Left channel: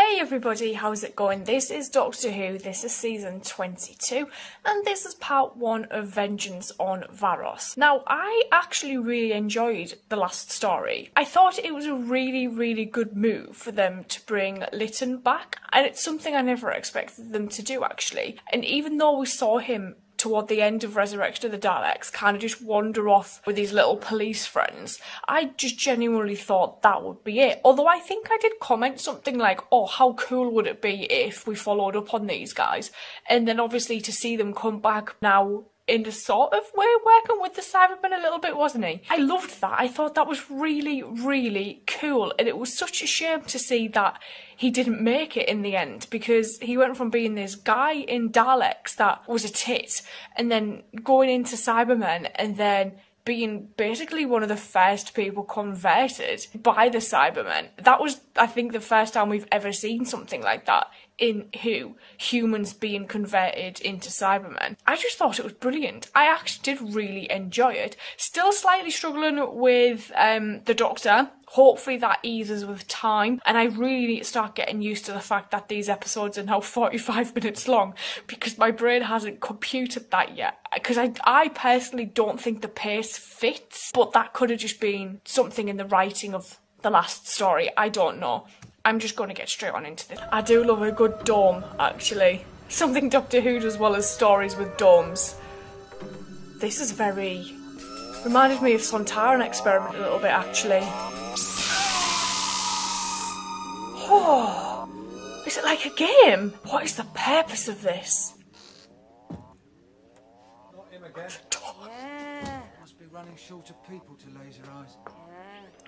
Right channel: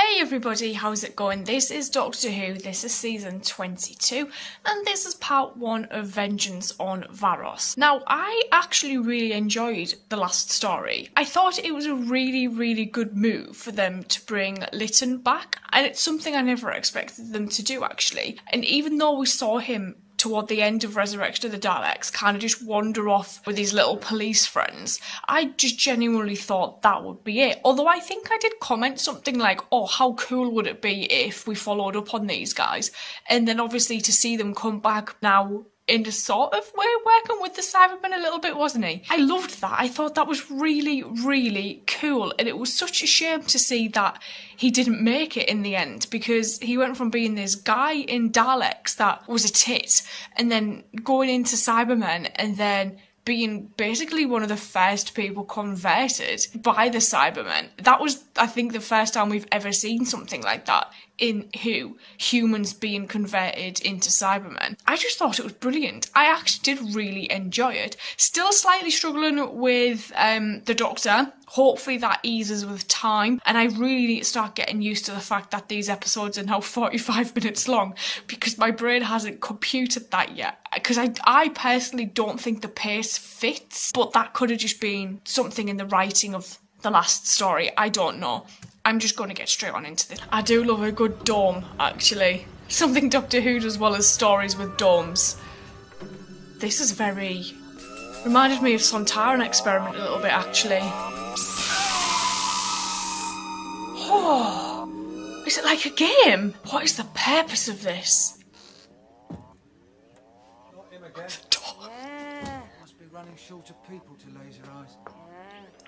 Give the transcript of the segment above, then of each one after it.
Hey everybody, how's it going? This is Doctor Who, this is season 22, and this is part 1 of Vengeance on Varos. Now, I actually really enjoyed the last story. I thought it was a really good move for them to bring Lytton back, and it's something I never expected them to do actually. And even though we saw him toward the end of Resurrection of the Daleks kind of just wander off with his little police friends, I just genuinely thought that would be it. Although I think I did comment something like, oh, how cool would it be if we followed up on these guys? And then obviously to see them come back now in a sort of way working with the Cybermen a little bit, wasn't he? I loved that. I thought that was really cool, and it was such a shame to see that he didn't make it in the end, because he went from being this guy in Daleks that was a tit and then going into Cybermen and then being basically one of the first people converted by the Cybermen. That was, I think, the first time we've ever seen something like that in Who, humans being converted into Cybermen. I just thought it was brilliant. I actually did really enjoy it. Still slightly struggling with the Doctor. Hopefully that eases with time, and I really need to start getting used to the fact that these episodes are now 45 minutes long, because my brain hasn't computed that yet. Because I personally don't think the pace fits, but that could have just been something in the writing of the last story. I don't know. I'm just going to get straight on into this. I do love a good dome, actually. Something Doctor Who does well as stories with domes. This is very... reminded me of Sontaran Experiment a little bit, actually. Oh, is it like a game? What is the purpose of this? Not him again. Yeah. Must be running short of people to laser eyes.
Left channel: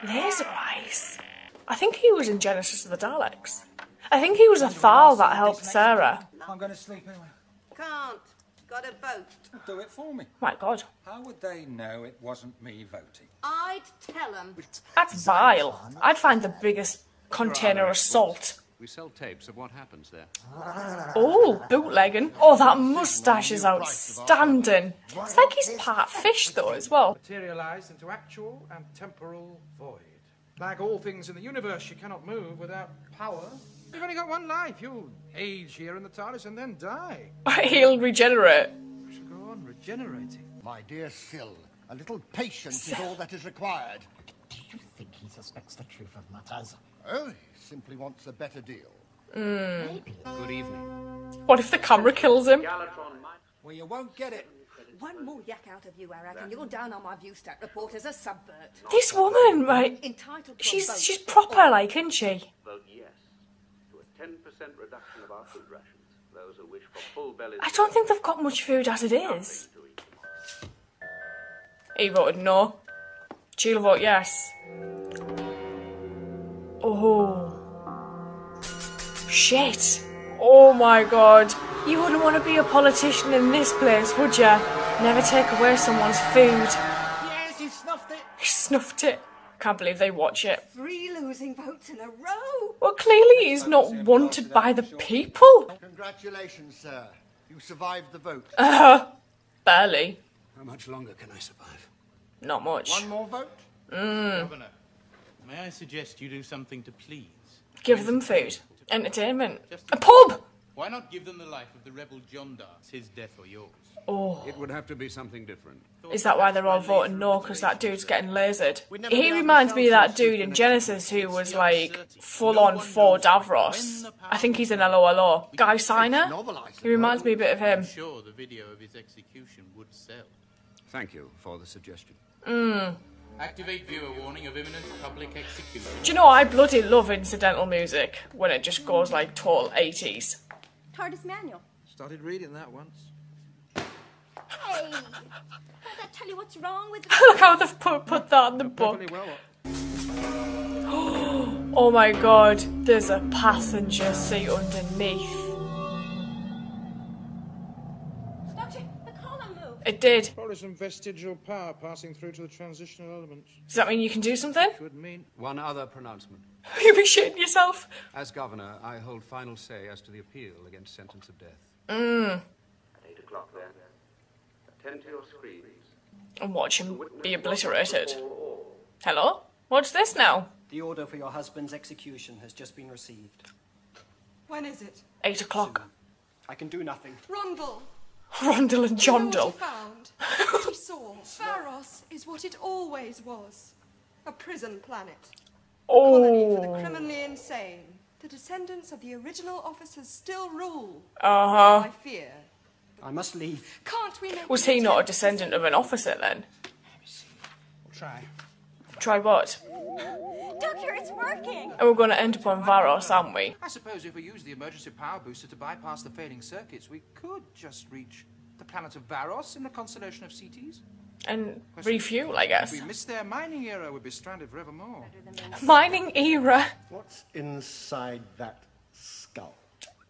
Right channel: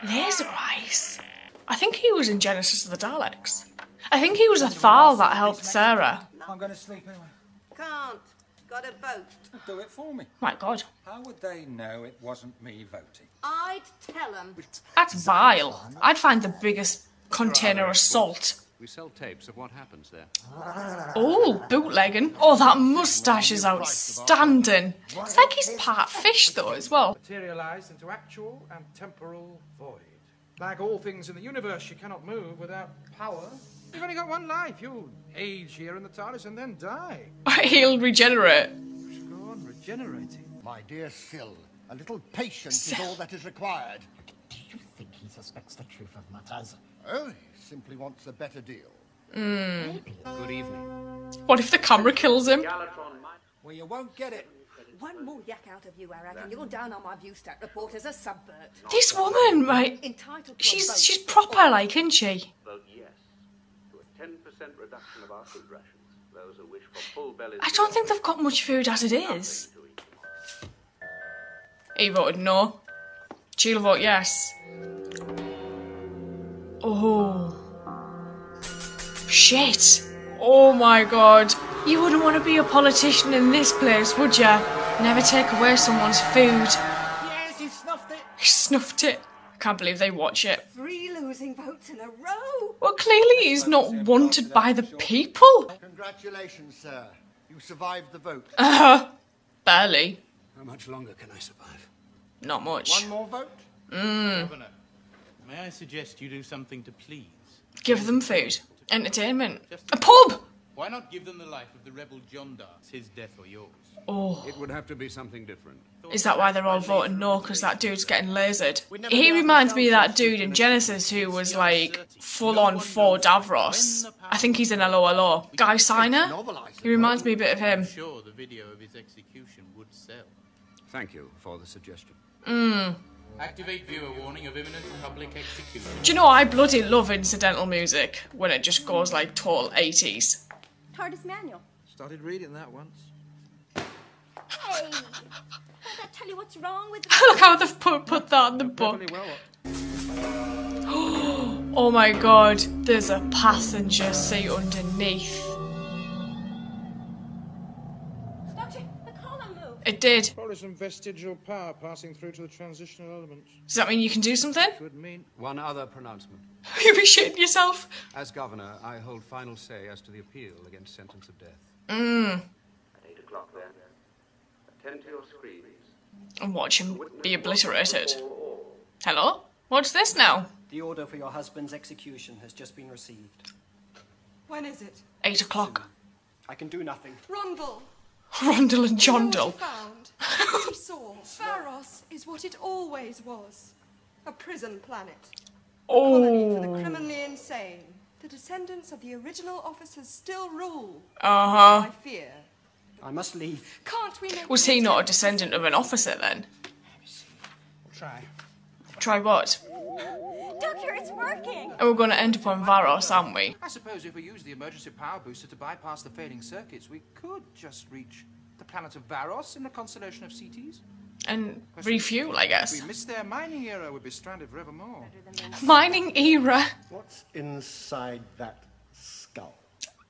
Laser eyes? I think he was in Genesis of the Daleks. I think he was a Thal that helped Sarah. I'm going to sleep anyway. Can't. Got a vote. Do it for me. My God. How would they know it wasn't me voting? I'd tell them. That's vile. I'd find the biggest container of salt. We sell tapes of what happens there. Oh, bootlegging. Oh, that moustache is outstanding. It's like he's part fish, though, as well. Materialised into actual and temporal void. Like all things in the universe, you cannot move without power. You've only got one life. You'll age here in the TARDIS and then die. He'll regenerate. You should go on regenerating. My dear Syl, a little patience is all that is required. Do you think he suspects the truth of matters? Oh, he simply wants a better deal. Maybe. Good evening. What if the camera kills him? Well, you won't get it. One more yak out of you, Eric, and you're down on my Viewstat report as a subvert. This woman, right? Entitled to a vote. She's proper, like, isn't she? Vote yes to a 10% reduction of our food rations. Those who wish for full bellies. I don't think they've got much food as it is. He voted no. She'll vote yes. Oh. Shit. Oh my God. You wouldn't want to be a politician in this place, would you? Never take away someone's food. Yes, he snuffed it. He snuffed it. I can't believe they watch it. 3 losing votes in a row. Well, clearly he's not wanted by the people. Congratulations, sir. You survived the vote. Barely. How much longer can I survive? Not much. One more vote? Governor, may I suggest you do something to please? Give them food. Entertainment. Just A pub! Why not give them the life of the rebel John Darts, his death or yours? Oh. It would have to be something different. Is that why they're all voting no? Because that dude's getting lasered. We'd never He be able to reminds tell me of that so dude swift in in Genesis who was like full-on for Davros. I think he's in LOLO. Guy Signer? Novelized. He reminds me a bit of him. I'm sure the video of his execution would sell. Thank you for the suggestion. Activate viewer warning of imminent public execution. Do you know, I bloody love incidental music when it just goes like total 80s. TARDIS manual. Started reading that once. Hey! Don't that tell you what's wrong with... Look how they've put that in the book. Perfectly well. Oh my God, there's a passenger seat underneath. Doctor, the column moved. It did. Probably some vestigial power passing through to the transitional elements. Does that mean you can do something? Would mean... One other pronouncement. You'll be shitting yourself. As governor, I hold final say as to the appeal against sentence of death. At 8 o'clock then. Attend to your screens. And watch him be obliterated. Hello? What's this now? The order for your husband's execution has just been received. When is it? 8 o'clock. I can do nothing. Rondel. Rondel and You know what Jondel. he found? What he saw. Varos is what it always was. A prison planet. A colony for the criminally insane. The descendants of the original officers still rule. Uh-huh. I fear. I must leave. Can't we make Was he not a descendant of an officer then? Let me see. We'll try. Try what? Doctor, it's working! And we're going to end up on Varos, aren't we? I suppose if we use the emergency power booster to bypass the fading circuits, we could just reach the planet of Varos in the constellation of Cetes. And refuel, I guess. If we missed their mining era, we'd be stranded forevermore. Mining era. What's inside that skull?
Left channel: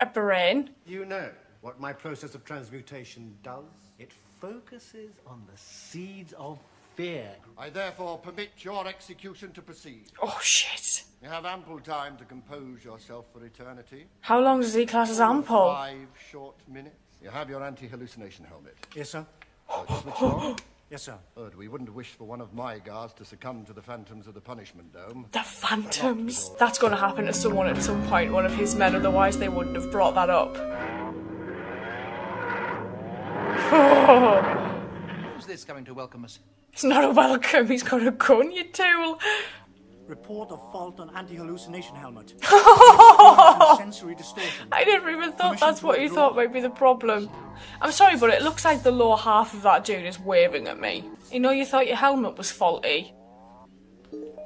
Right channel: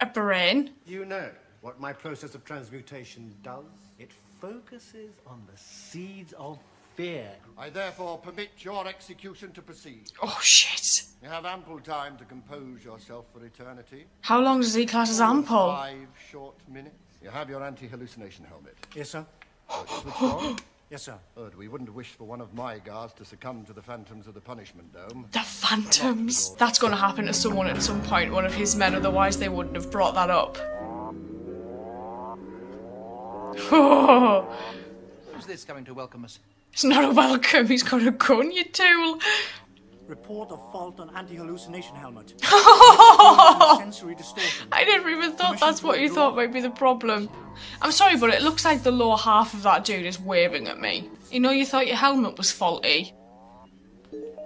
A brain. You know what my process of transmutation does? It focuses on the seeds of fear. I therefore permit your execution to proceed. Oh, shit. You have ample time to compose yourself for eternity. How long does he class as All of ample? 5 short minutes. You have your anti-hallucination helmet. Yes, sir. Switched on? Yes, sir. Good. We wouldn't wish for one of my guards to succumb to the phantoms of the punishment dome. The phantoms. That's going to happen to someone at some point, one of his men, otherwise they wouldn't have brought that up. Who's this coming to welcome us? It's not a welcome, he's got a gun, you tool. Report of fault on anti-hallucination helmet. Sensory distortion. I never even thought that's what you thought might be the problem. I'm sorry, but it looks like the lower half of that dude is waving at me. You know, you thought your helmet was faulty.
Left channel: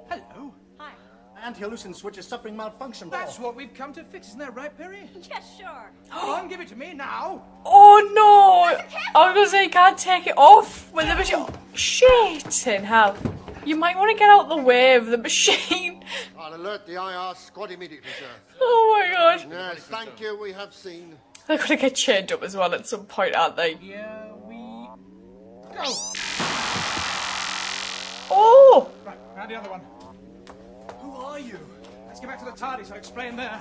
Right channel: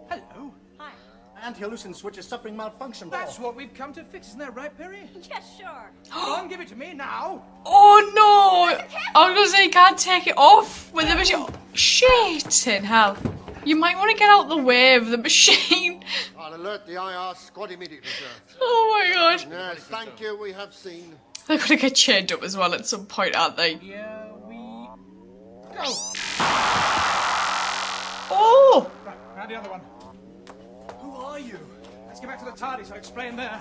Hello. Hi. Anti-hallucin switch is suffering malfunction. That's what we've come to fix, isn't that right, Perry? Yes, sure. Come on, give it to me now. Oh no! I was gonna say, you can't take it off with the machine. Shit in hell. You might want to get out the way of the machine. I'll alert the IR squad immediately, sir. Oh my god. Yes, thank you, we have seen. They're gonna get chained up as well at some point, aren't they? Here we go. Oh! Right, now the other one. Who are you? Let's get back to the TARDIS, I'll explain there.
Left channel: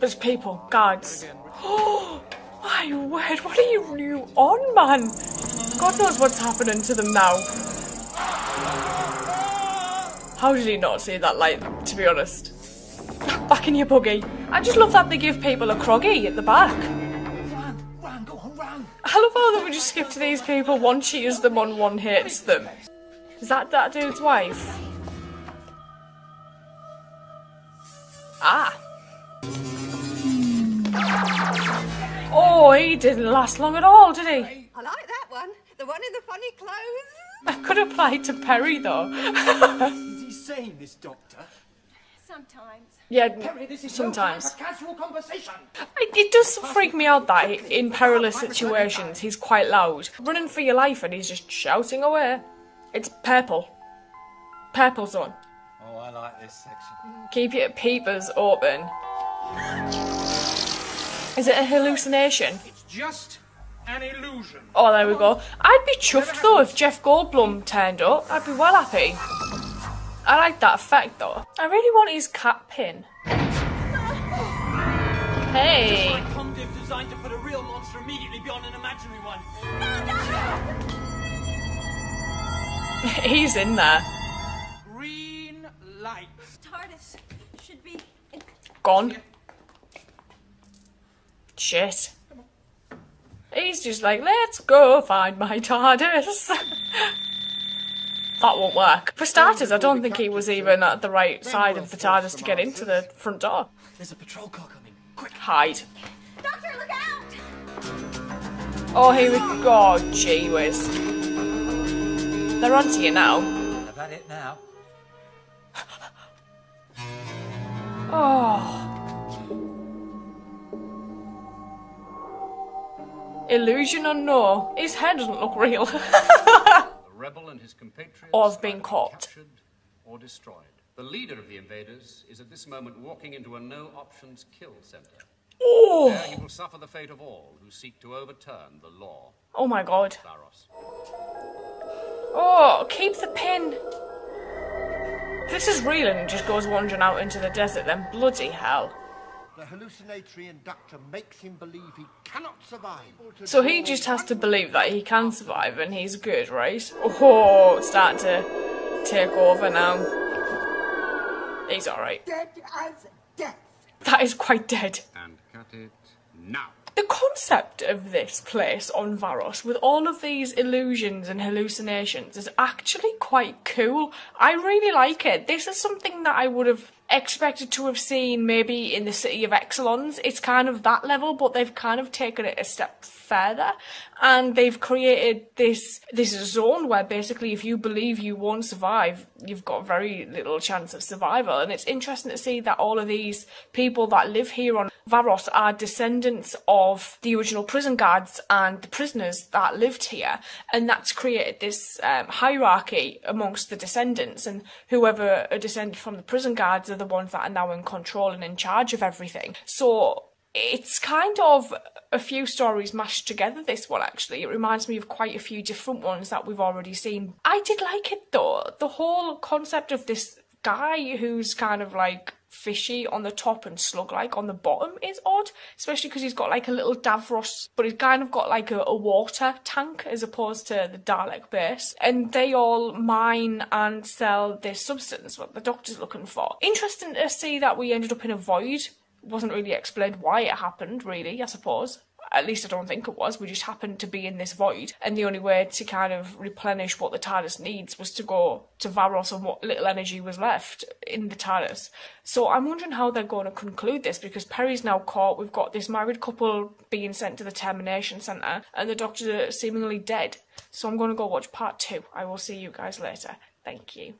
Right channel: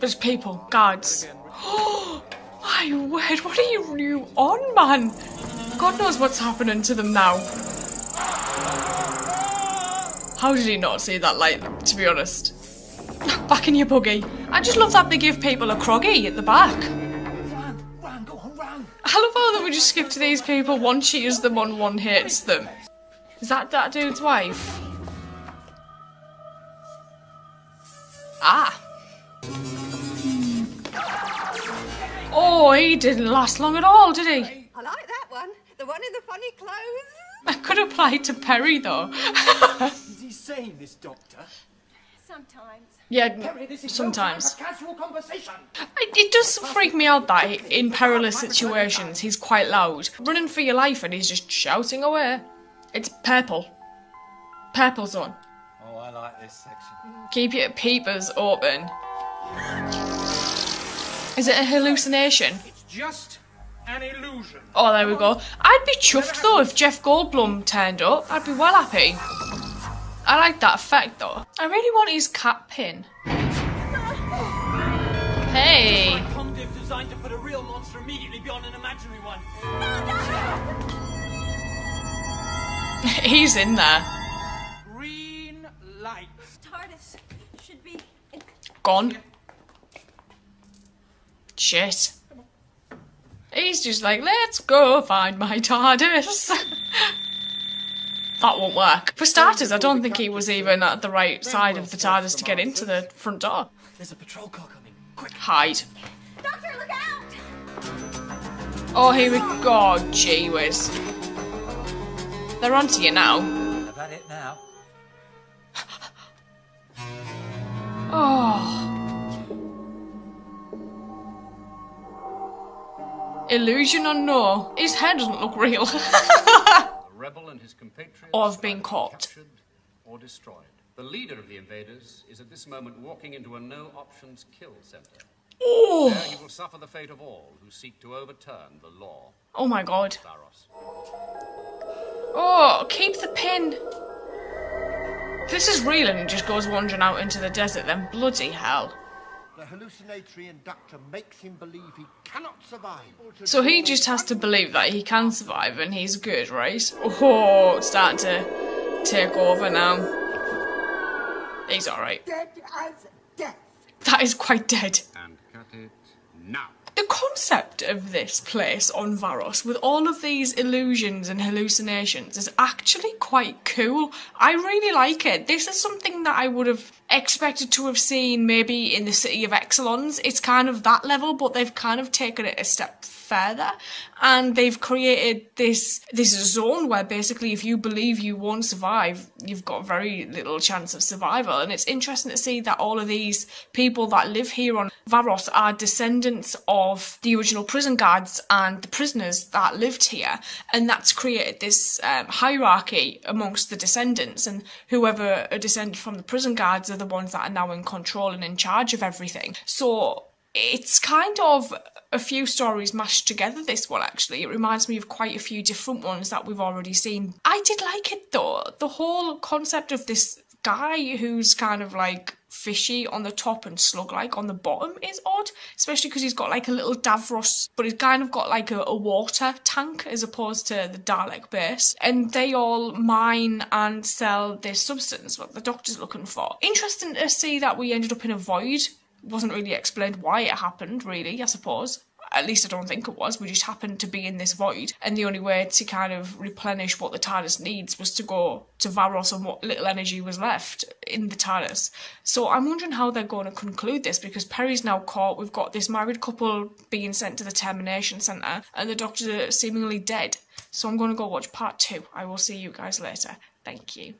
There's people, guards. Oh my word, what are you new on, man? God knows what's happening to them now. How did he not see that light, to be honest? Back in your buggy. I just love that they give people a croggy at the back. Run, go on, run! I love how that we just skip to these people, one cheers them on, one hates them. Is that dude's wife? Ah. Oh, he didn't last long at all, did he? I like that one. The one in the funny clothes. That could apply to Perry, though. Is he saying this, Doctor? Sometimes. Yeah, Perry, this is sometimes. no time for casual conversation. It does freak me out that in perilous situations he's quite loud. Running for your life and he's just shouting away. It's purple. Purple's on. Oh, I like this section. Keep your peepers open. Is it a hallucination? It's just an illusion. Oh, there we go. I'd be chuffed though if Jeff Goldblum turned up. I'd be well happy. I like that effect though. I really want his cat pin. Hey. Just like Comdiv designed to put a real monster immediately beyond an imaginary one. He's in there. Green light. TARDIS should be Gone. Shit. He's just like, let's go find my TARDIS. That won't work. For starters, I don't think he was even at the right side of the TARDIS to get into the front door. There's a patrol car coming. Quick. Hide. Doctor, look out! Oh, here we go. Oh, gee whiz. They're onto you now. I've had it now. Oh. Illusion or no, his head doesn't look real. The rebel and his compatriots Or have are been either caught. captured or destroyed. The leader of the invaders is at this moment walking into a no-options kill center. Oh. There he will suffer the fate of all who seek to overturn the law. Oh my god. Varos. Oh, keep the pin. This is real and he just goes wandering out into the desert, then bloody hell. The hallucinatory inductor makes him believe he cannot survive. So he just has to believe that he can survive and he's good, right? Oh, it's starting to take over now. He's alright. Dead as death. That is quite dead. and cut it now. The concept of this place on Varos, with all of these illusions and hallucinations, is actually quite cool. I really like it. This is something that I would have expected to have seen maybe in the City of Exelons. It's kind of that level, but they've kind of taken it a step further, and they've created this zone where basically if you believe you won't survive, you've got very little chance of survival. And it's interesting to see that all of these people that live here on Varos are descendants of the original prison guards and the prisoners that lived here, and that's created this hierarchy amongst the descendants, and whoever are descended from the prison guards are the ones that are now in control and in charge of everything. So it's kind of a few stories mashed together, this one actually. It reminds me of quite a few different ones that we've already seen. I did like it though. The whole concept of this guy who's kind of like fishy on the top and slug-like on the bottom is odd, especially because he's got like a little Davros, but he's kind of got like a water tank as opposed to the Dalek base, and they all mine and sell this substance, what the Doctor's looking for. Interesting to see that we ended up in a void. Wasn't really explained why it happened, really, I suppose. At least I don't think it was. We just happened to be in this void, and the only way to kind of replenish what the TARDIS needs was to go to Varos and what little energy was left in the TARDIS. So I'm wondering how they're going to conclude this, because Peri's now caught, we've got this married couple being sent to the termination centre, and the Doctor's seemingly dead. So I'm going to go watch part 2. I will see you guys later. Thank you.